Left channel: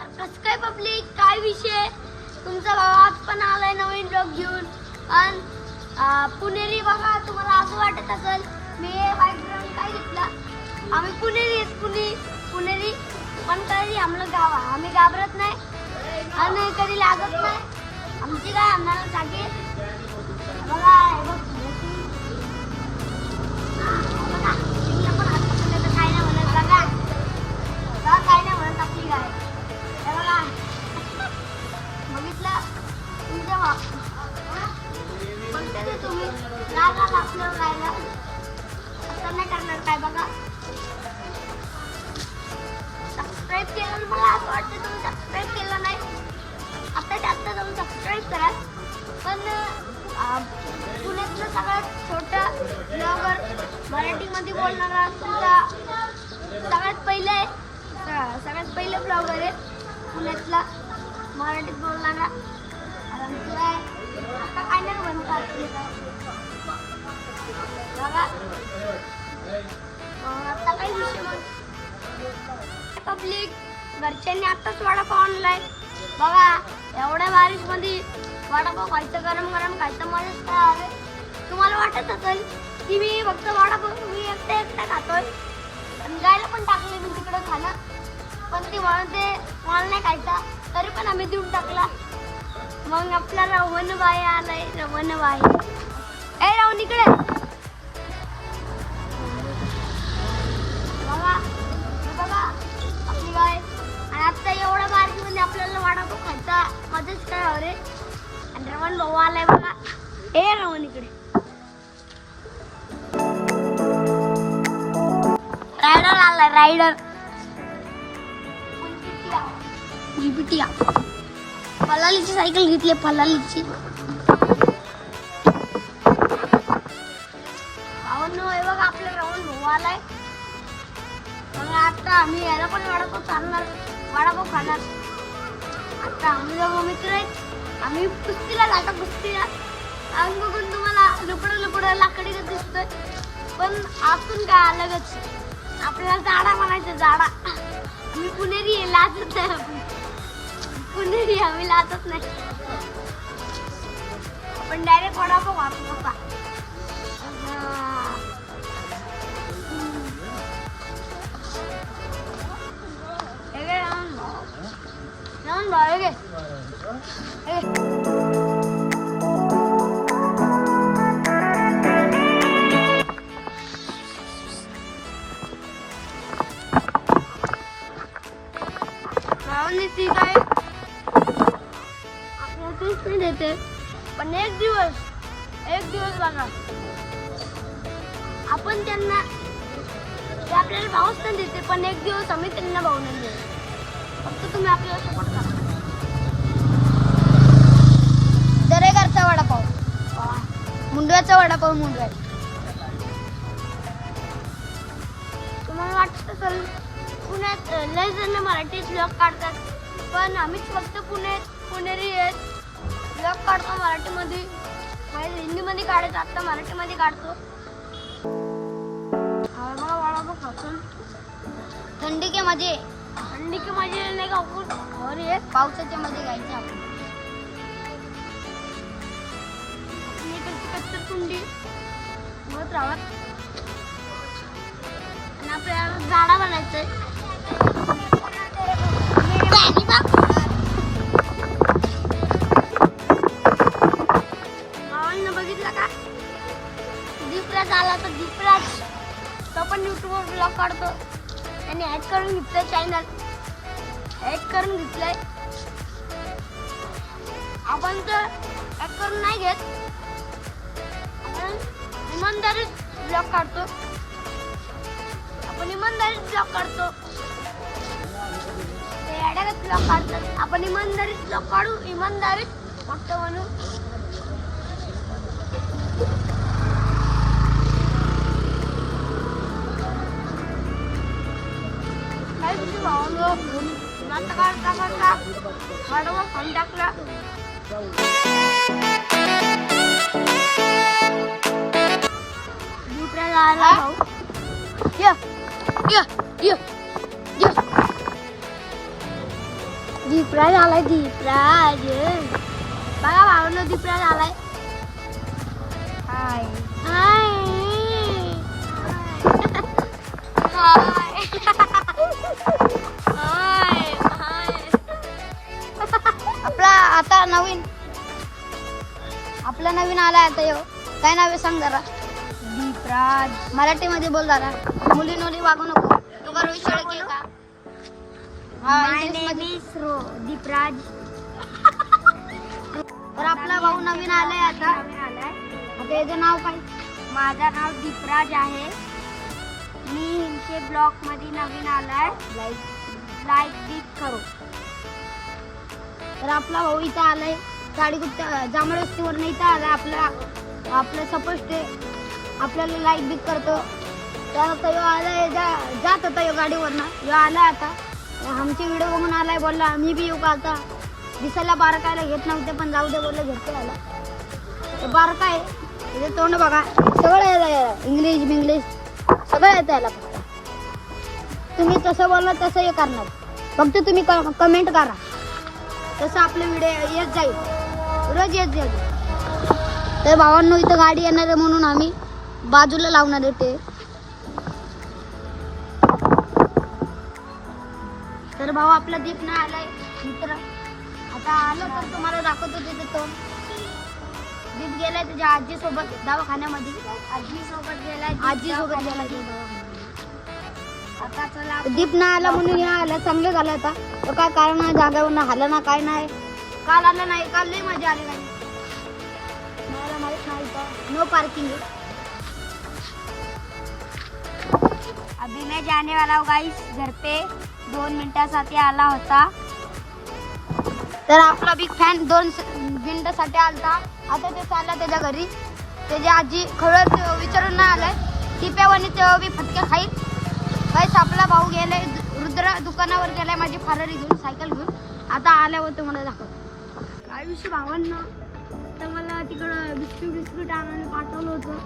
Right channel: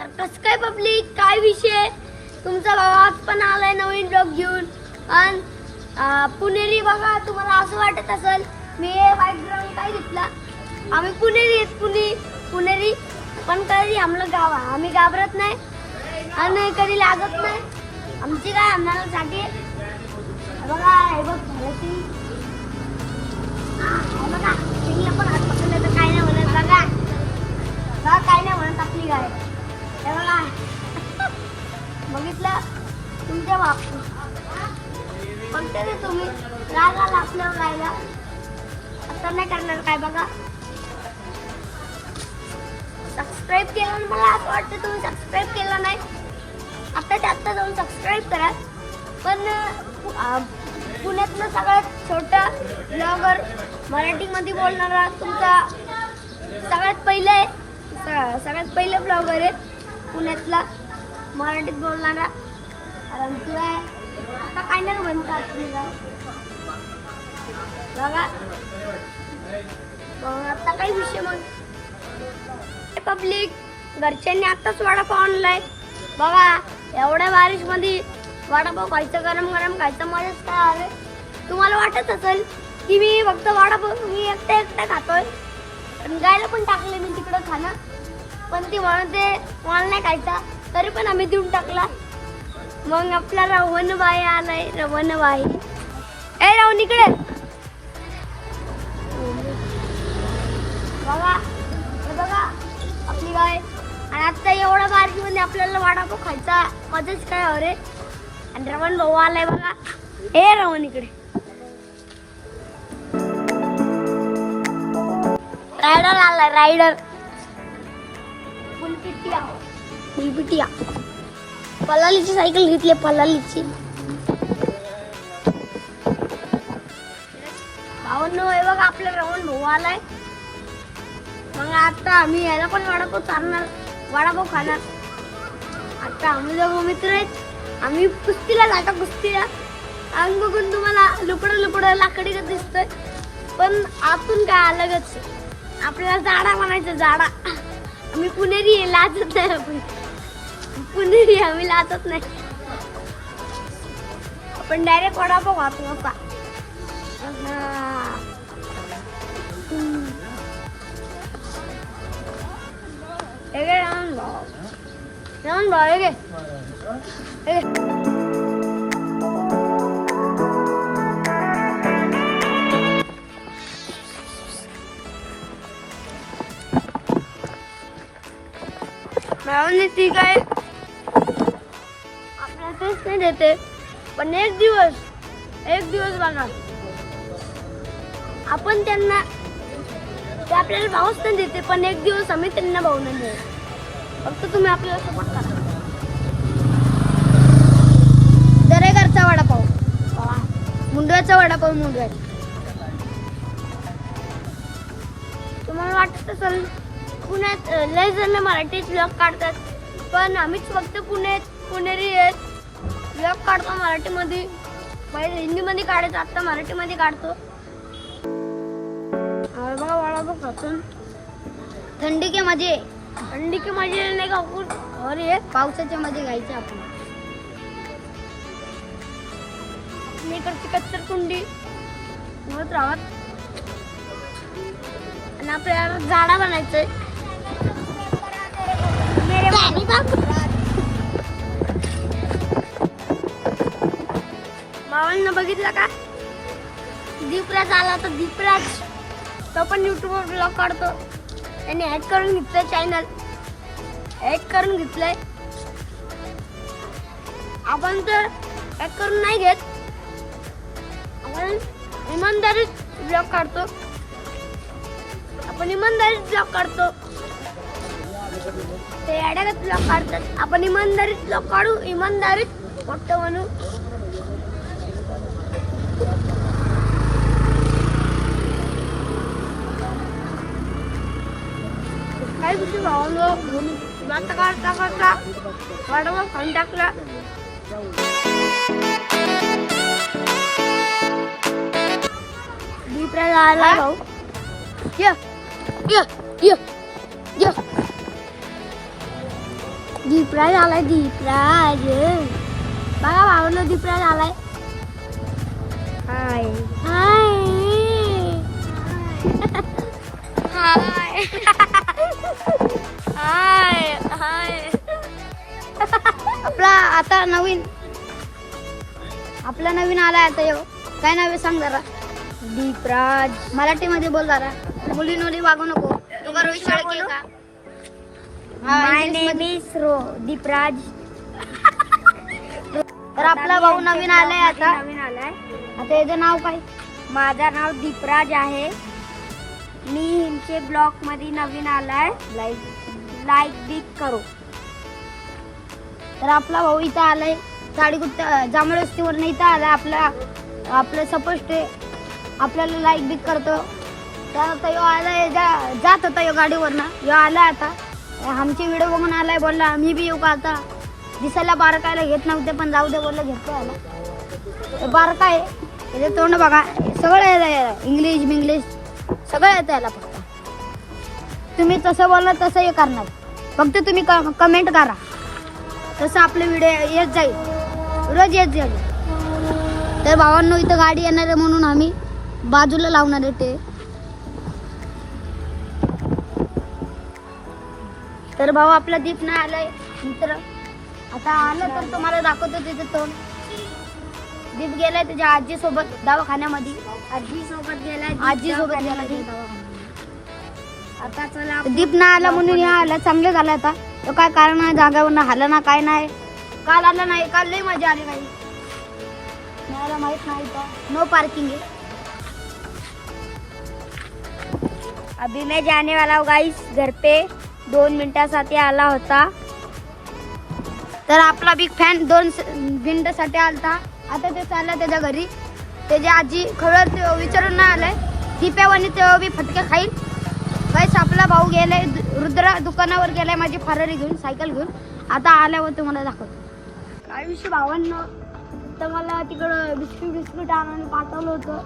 तर कसं काय पब्लिक, काय विषय? तुमचा भाऊ आज पण आलाय नवीन ब्लॉग घेऊन. आणि पुणेरी बघा, तुम्हाला असं वाटत असेल मी व्हाईट ब्राऊन काय घेतला. आम्ही पुणेरी आहेत, पुणेरी पण कधी आम्हाला आम्ही घाबरत नाही आणि कधी लागत नाही. आमची काय आम्हाला जागे बघा. हे बघ बघा, सिंगला पण हात पकडले तर काय नाही म्हणत. बघा बघा, काय नाही म्हणत आपली गाय. हे बघा, बघितलं तुमच्या बाप म्हणते रे तुम्ही राग आला आपल्यावर गायला. आता नाही करणार काय. बघा, सबस्क्राईब केलं. मला असं वाटतं तुम्ही सबस्क्राईब केलं नाही. आता जाऊन सबस्क्राईब करा. पण पुण्यातलं सगळ्यात छोटा ब्लॉगर, मराठीमध्ये बोलणारा तुमचा सगळ्यात पहिलं ब्लॉगर आहे पुण्यातला, मराठीत बोलणारा. कारण तुला आता काय नाही म्हणतात तुला. बघा आता काही विषय मग पब्लिक, घरच्यांनी आताच वडापाव आणलाय. बघा, एवढ्या बारिश मध्ये वडापाव खायचं, गरम गरम खायचं, मजाच काय आहे. तुम्हाला वाटत असेल की मी फक्त वडापाव मी एकटा खातोय. पण गायला पण टाकले मी तिकडं खाणं, पण ती म्हणते मला नाही खायचा, तरी पण आम्ही देऊन टाकला. मग आपला रवणबाई आलाय. रवणबाई, ए रावण इकडे बघा. बघा आपली गाय. आणि आता एवढा बारकीमध्ये आपल्याला वडापाव खायचा, मजाच काय हो रे. आणि रवण भाऊ आलाय बघा. हे रवण इकडे. रायडर आलाय, रायडर. फुलपिटिया पलालीची सायकल घेतली, पलालीची. भावांनो, हे बघा आपला रवण भाऊ आलाय. मग आता आम्ही याला पण वडापाव चालणार, वडापाव खाणार. आता आम्ही दोघं मित्र आहेत. आम्ही कुस्तीला जातो, कुस्तीला. अंग बघून तुम्हाला लुकडं लाकडीच दिसतोय, पण आतून काय अलगच. आपल्याला जाडा म्हणायचं, जाडा. आम्ही पुणेरी आहे, लाजत नाही. आपण पुणेरी, आम्ही लाजत नाही. आपण डायरेक्ट वडापाव खातो होता. रावण भाऊ हे ठीक आहे, आपल्याला तेच नाही देते. पण एक दिवस बघा, आपण त्यांना ते आपल्याला भाऊच नाही देते, पण एक दिवस आम्ही त्यांना भाऊ नाही देऊ. फक्त तुम्ही आपल्याला सपोर्ट करा. दरेकरचा वडापाव, मुंडव्याचा वडापाव, मुंडव्याचा. तुम्हाला वाटत असेल पुण्यात लय जण मराठी ब्लॉग काढतात, पण आम्हीच फक्त पुणेरी आहेत. ब्लॉग काढतो मराठीमध्ये. पहिले हिंदीमध्ये काढायचो, आता मराठीमध्ये काढतो. बघा वडापाव खातो. थंडी के मजे नाही का अरे पावसाच्या मध्ये गायचं आपण. कच्चर कुंडी मत राहत. आणि आपल्याला झाडा बनायचंय. मावळनं बघितलं का, दीपराज आला. तर दीपराज तो पण युट्यूबवर ब्लॉग काढतो. त्याने हॅक करून घेतलंय चॅनल, हॅक करून घेतलंय. आपण तर हॅक करून नाही घेत, आपण इमानदारीत ब्लॉग काढतो. आपण इमानदारीत ब्लॉग काढतो. ते अडगत ब्लॉग काढतात, आपण इमानदारीत ब्लॉग काढू, इमानदारीत मोठं म्हणू. काय विषय भावलो म्हणून काढता वडापाव खाऊन टाकला. दीपराज आला भाऊ. ये ये ये ये दीपराज आलाय दीपराज. बघा भावनो दीपराज आलाय. हाय हाय हाय हाय हाय. आता आपला नवीन आलाय आता यो. काय नाव आहे सांग जरा. दीपराज. मराठीमध्ये बोल जरा. मुलींमध्ये वागू नको. तू का रोहित शेळके का? माय नेम इज दीपराज. तर आपला भाऊ नवीन आलाय आता. आता याचं नाव काय? माझं नाव दीपराज आहे. मी हिंचे ब्लॉग मध्ये नवीन आलाय. लाईक बिक करो. तर आपला भाऊ इथं आलाय. गाडी कुठं जांभळस्तीवर नाही इथं आला. आपलं सपोज ते आपल्याला लाईक बिक करतो. जात होता या गाडीवरनं. यो आला आता. आमची व्हिडिओ बघून आलाय. बोलला आम्ही बी येऊ का आता. दिसायला बारकायला घेत नव्हते पण जाऊ दे बोलला घेतो. बारका आहे म्हणजे तोंड बघा सगळं येतं. इंग्लिश बिंग्लिश सगळं येतं याला. तुम्ही तसं बोलला तसं हे करणार. फक्त तुम्ही कमेंट करा. तसं आपले व्हिडिओ येत जाईल. रोज येत जाईल. तर भावांनो इथं गाडी येणार आहे म्हणून आम्ही बाजूला लावणार आहे ते. तर भाऊ आपला दीप नाही आलाय मित्र. आता आलं तर तुम्हाला दाखवतो. तिथे तो दीप गेलाय त्याच्या आजी सोबत दवाखान्यामध्ये. आजी सोबत गेलाय. आजी दवाखान्यामध्ये. आता चला दीप नाही आला म्हणून हे आलं. चांगलं झालं आता. तो काय कारण नाही जागावर ना आला ना काय नाही. काल आला नाही. काल लई मजा आली काही. मला माहित नाही. No parking. अभी मैं जाने वाला हूँ गाइस घर पे. 2 मिनिटासाठी आला होता. तर आपला बिग फॅन 2 मिनिटासाठी आलता. आता ते चालला त्याच्या घरी. त्याची आजी खरंच विचारून नाही आलाय. दीप्यावानी तेव्हा बी फटके खाईल. गाइस आपला भाऊ गेलाय रुद्र दुकानावर गेलाय माझी फरारी घेऊन सायकल घेऊन. आता आल्यावर तुम्हाला दाखवतो. काय विषय भावांना. तर मला तिकडं बिस्किट आणून पाठवलं होतं.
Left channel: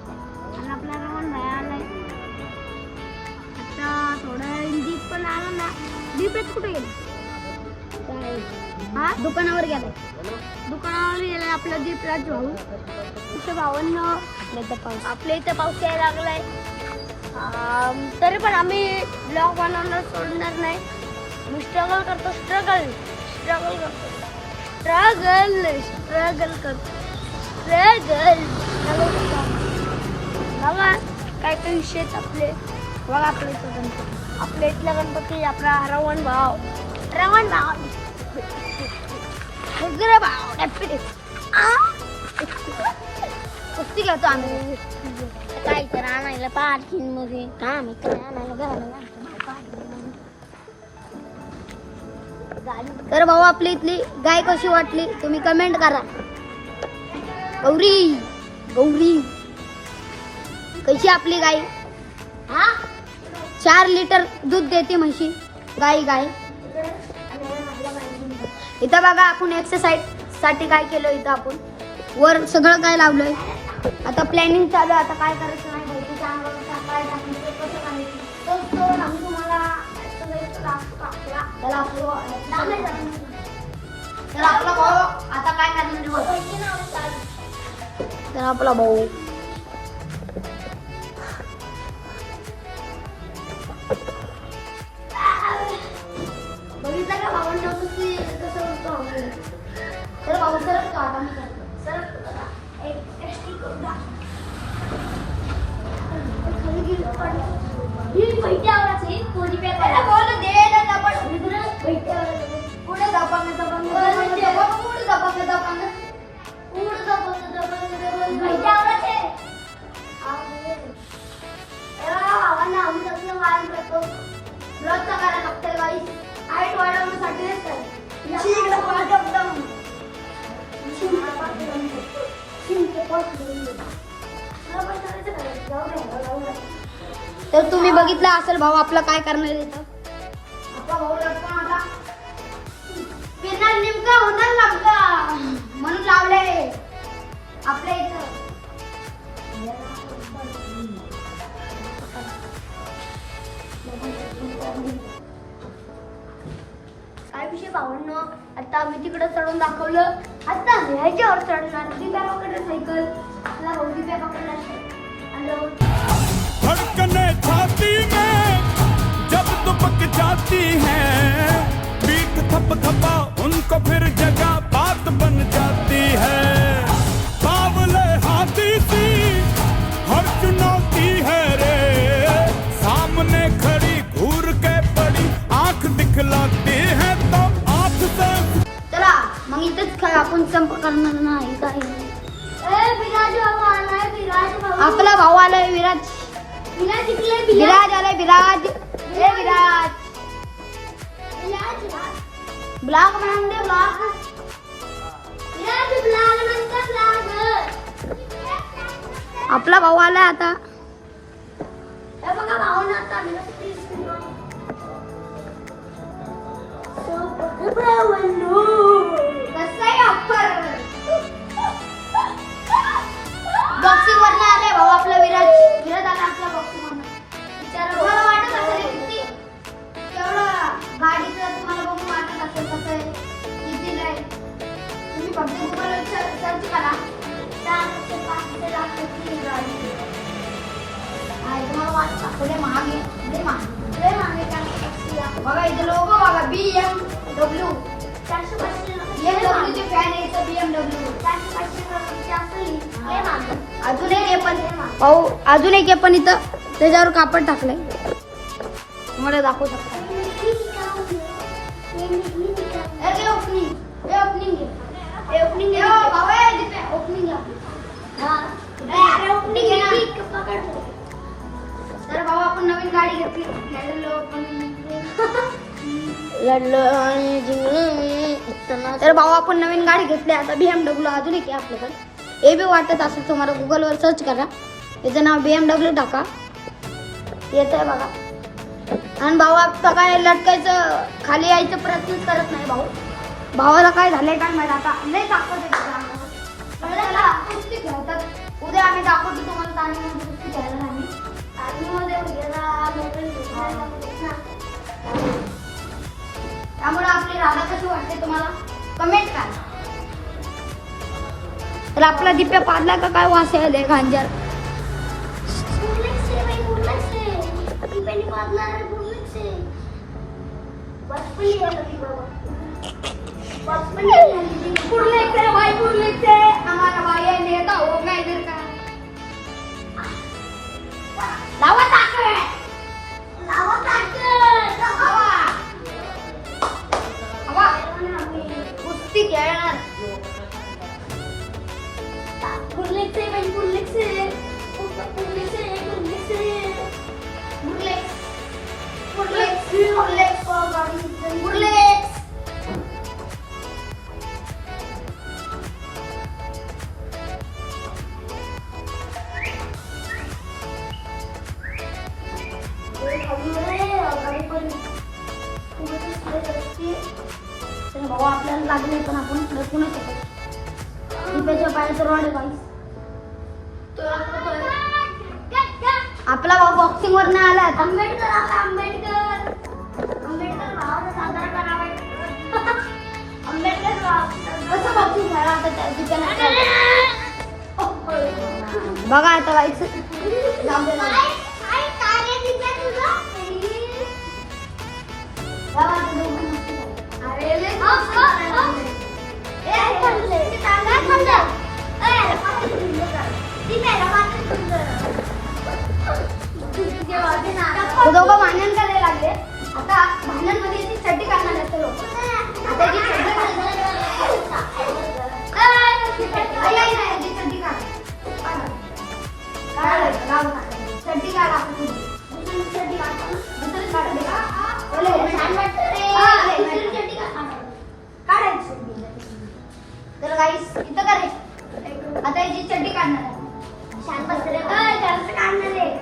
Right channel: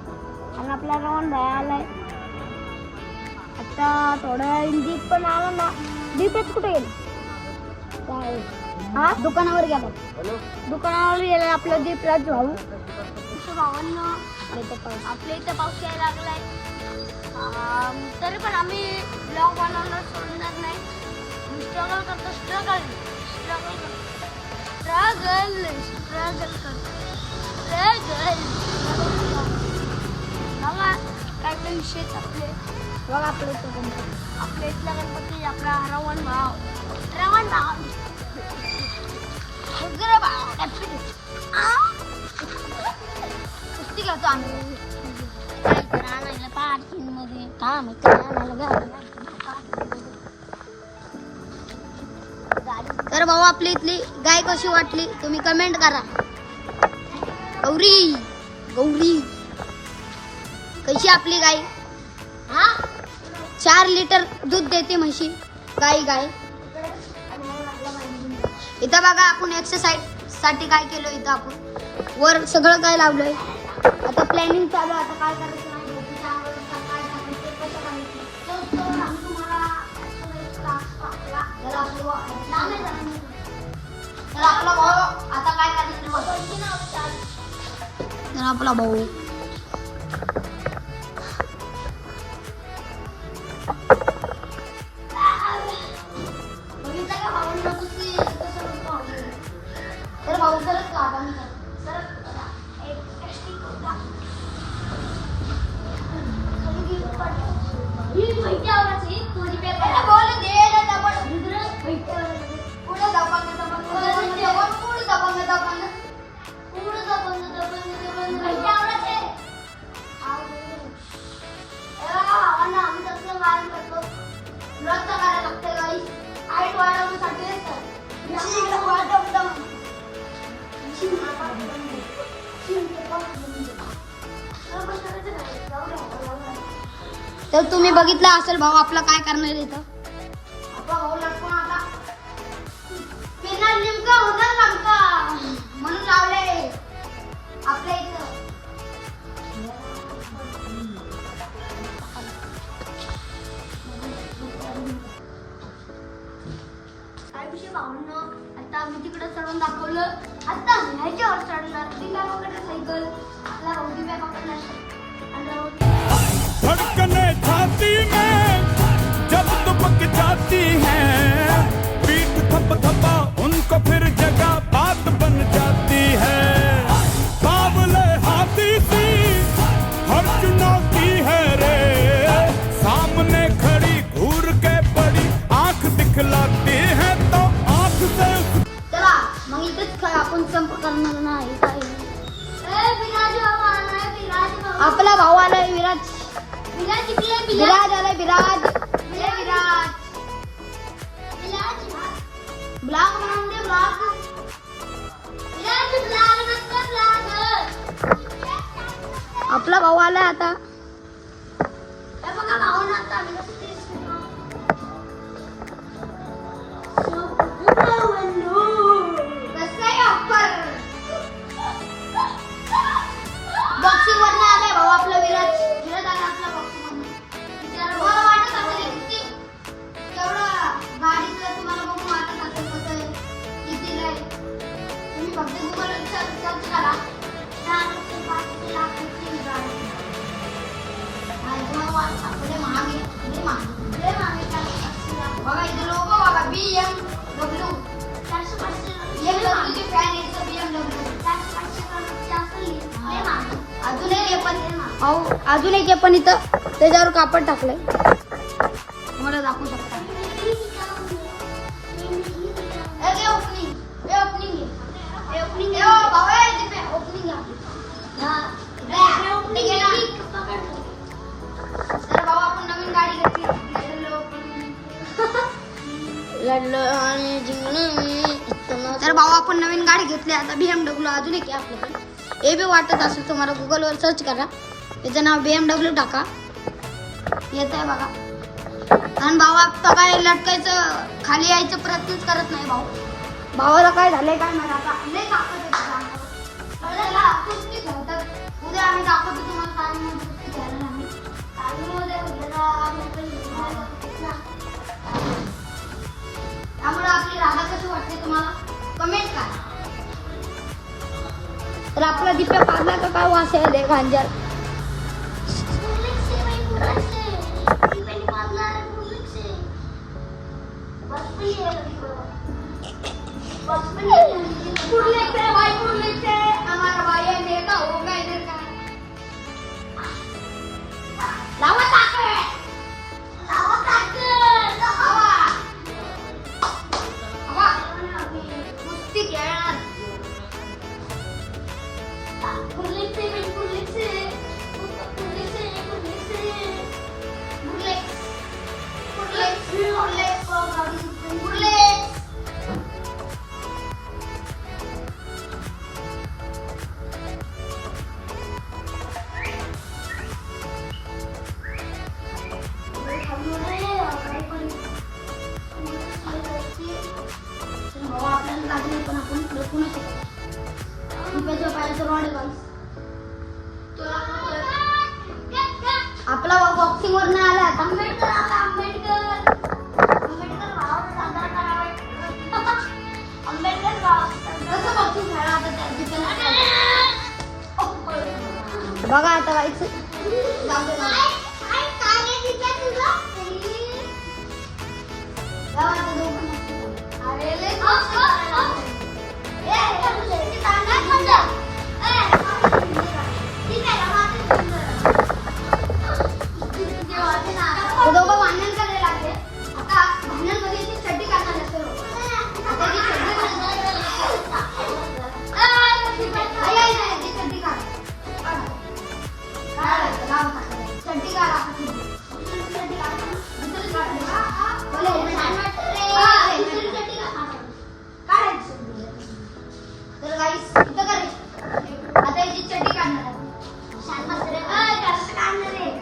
आणि आपला रवण भाई आलाय. आता थोडं दीप पण आला ना. दीपच कुठे गेले? हा दुकानावर गेला. दुकानावर गेलाय आपला दीपराज भाऊ. इथं भावांना आपल्या इथं पाऊस यायला लागलाय. तरी पण आम्ही ब्लॉग बनवणं सोडणार नाही. मी स्ट्रगल करतो. स्ट्रगल बघा काय काय विषय आपले. बघा आपल्या इथला गणपती आपला रवण भाव कुस्ती घेतो आम्ही. काय तर आणायला पार्किंग मध्ये काम तर भाऊ आपली इथली गाय कशी वाटली तुम्ही कमेंट करा. गौरी कशी आपली गाय. 4 लिटर दूध देते म्हशी गाय. इथं बघा आपण एक्सरसाइज साठी काय केलं. इथं आपण वर सगळं काय लावलं. आता प्लॅनिंग चालू. आता काय करायचं तर आपला भाऊ आता काय करणार. तर आपला भाऊ बघितलं का भावांना कसं तर भाऊ सरच का तर तुम्ही बघितलं असेल भाऊ आपला काय करणार इथं. आपला भाऊ लागतो आता फिरणार नेमका होणार लागता म्हणून लावले आपल्या इथं. काय विषय भावांनो आता आम्ही तिकडे चढून दाखवलं. आता आम्ही ह्याच्यावर चढणार. दीपाकडे सायकल आपला दीपाकडे धड़कने छाती में जब दुबक जाती है, पीठ थप थपा उनको फिर जगह बात बन जाती है. बावले हाथी सी हर चुनौती है रे, सामने खड़ी घूर के बड़ी आंख दिखलाती है तो आंख से. चला मग इथेच काय आपण संप करणार नाही. आपला भाऊ आलाय विराज. विराज किती आहे? विराज आलाय. विराज विराज ब्लॉग बनवून दे. ब्लॉग विराज ब्लॉग नंतर ब्लॉग. आपला भाऊ आलाय आता. बघा भाऊ ना आता बघा इथे लोक बघा BMW 450 फॅन यायचं BMW. अजून एक पण भाऊ अजून एक पण इथं त्याच्यावर कापड टाकलंय. मला दाखवू शकता. तर भाऊ आपण नवीन गाडी घेतली. तर भाऊ आपण नवीन गाडी घेतली आता BMW. अजून एक आपल्याकडे हे बी वाटत असेल तुम्हाला गुगलवर सर्च करा. त्याचं नाव BMW टाका. येतंय बघा. आणि भाऊ आता काय लटकायचं खाली यायचं प्रयत्नच करत नाही. भावाला काय झालंय काय माहिती. आता लय ताकद कुस्ती खेळतात. उद्या आम्ही दाखवतो तुम्हाला. कुस्ती खेळणार त्यामुळे आपली राधा कशी वाटते तुम्हाला कमेंट करा. तर आपला दिप्या पाडला का काय वास यायला खांजा. आपल्याला लागले पण आपण आपला भाऊ बॉक्सिंग वर आला. आंबेडकर आता आंबेडकर भावाला सादर करावे. आंबेडकर कसं बॉक्सिंग खेळा आता बघा आता व्हायचं. दोघं भांडण करायला लागले. आता भांडणमध्ये ती चड्डी काढणार असते लोक. आता ती चड्डी आता याची चड्डी काढणार. शांत बसले काढणार आहे.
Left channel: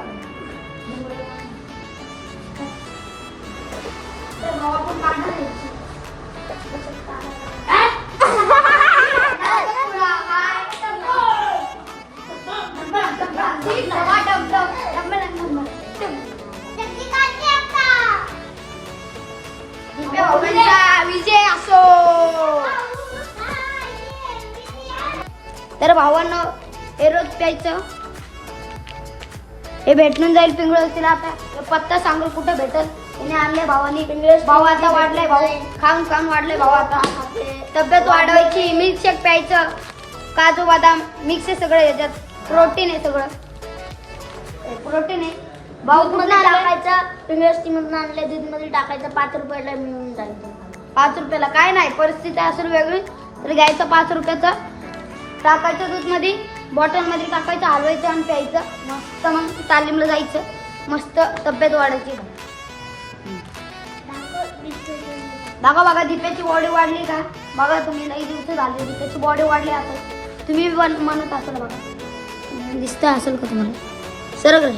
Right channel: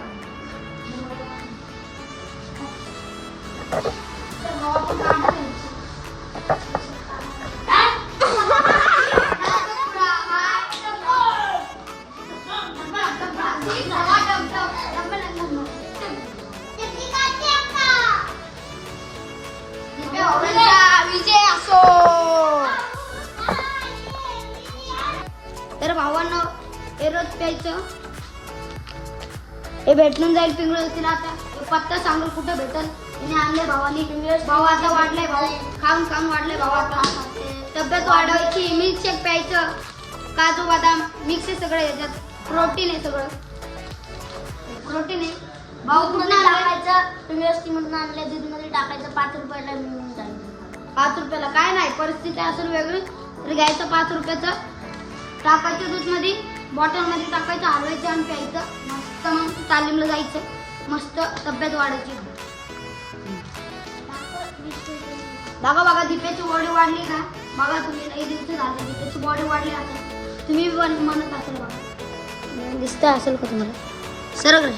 विजय असो. भावानं हे रोज प्यायचं. हे भेटून जाईल पिंगळस तिला. आता पत्ता सांगू कुठं भेटल. तिने आणले भावानी पिंगळस. भाऊ आता वाढलाय. भाऊ खाऊन वाढले. भाऊ आता तब्येत वाढवायची. मिल्कशेक प्यायचं. काजू बदाम मिक्स आहे सगळं. याच्यात प्रोटीन आहे सगळं. प्रोटीन आहे. भाऊ कुठं टाकायचं. पिंगळस मधून आणले. दूधमध्ये टाकायचं. 5 रुपयाला मिळून जाईल. 5 रुपयाला काय नाही. परिस्थिती असेल वेगळी तर घ्यायचं 5 रुपयाचं. टाकायचं दूधमध्ये. बॉटलमध्ये टाकायचं. हलवायचं आणि प्यायचं. मस्त मग तालीमला जायचं. मस्त तब्येत वाढायची. बघा दीपाची बॉडी वाढली का. बघा तुम्ही लई दिवस झाले दीपाची बॉडी वाढली. आता तुम्ही पण म्हणत असेल. बघा दिसत असेल का तुम्ही. सरळ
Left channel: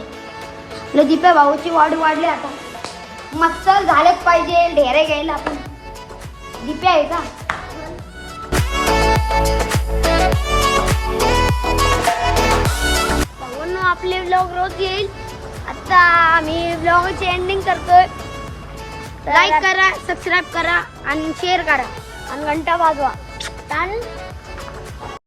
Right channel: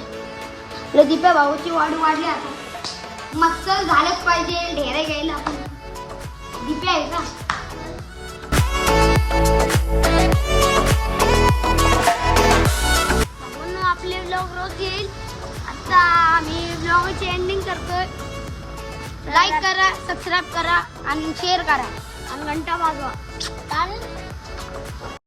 दीपे भाऊची बॉडी वाढली. आता मस्त झालेच पाहिजे. ढेरे घ्यायला आपण दीपे आहे का. भाऊंनो आपले ब्लॉग रोज येईल. आता आम्ही ब्लॉगची एंडिंग करतोय. लाईक करा, सबस्क्राईब करा आणि शेअर करा आणि घंटा वाजवा.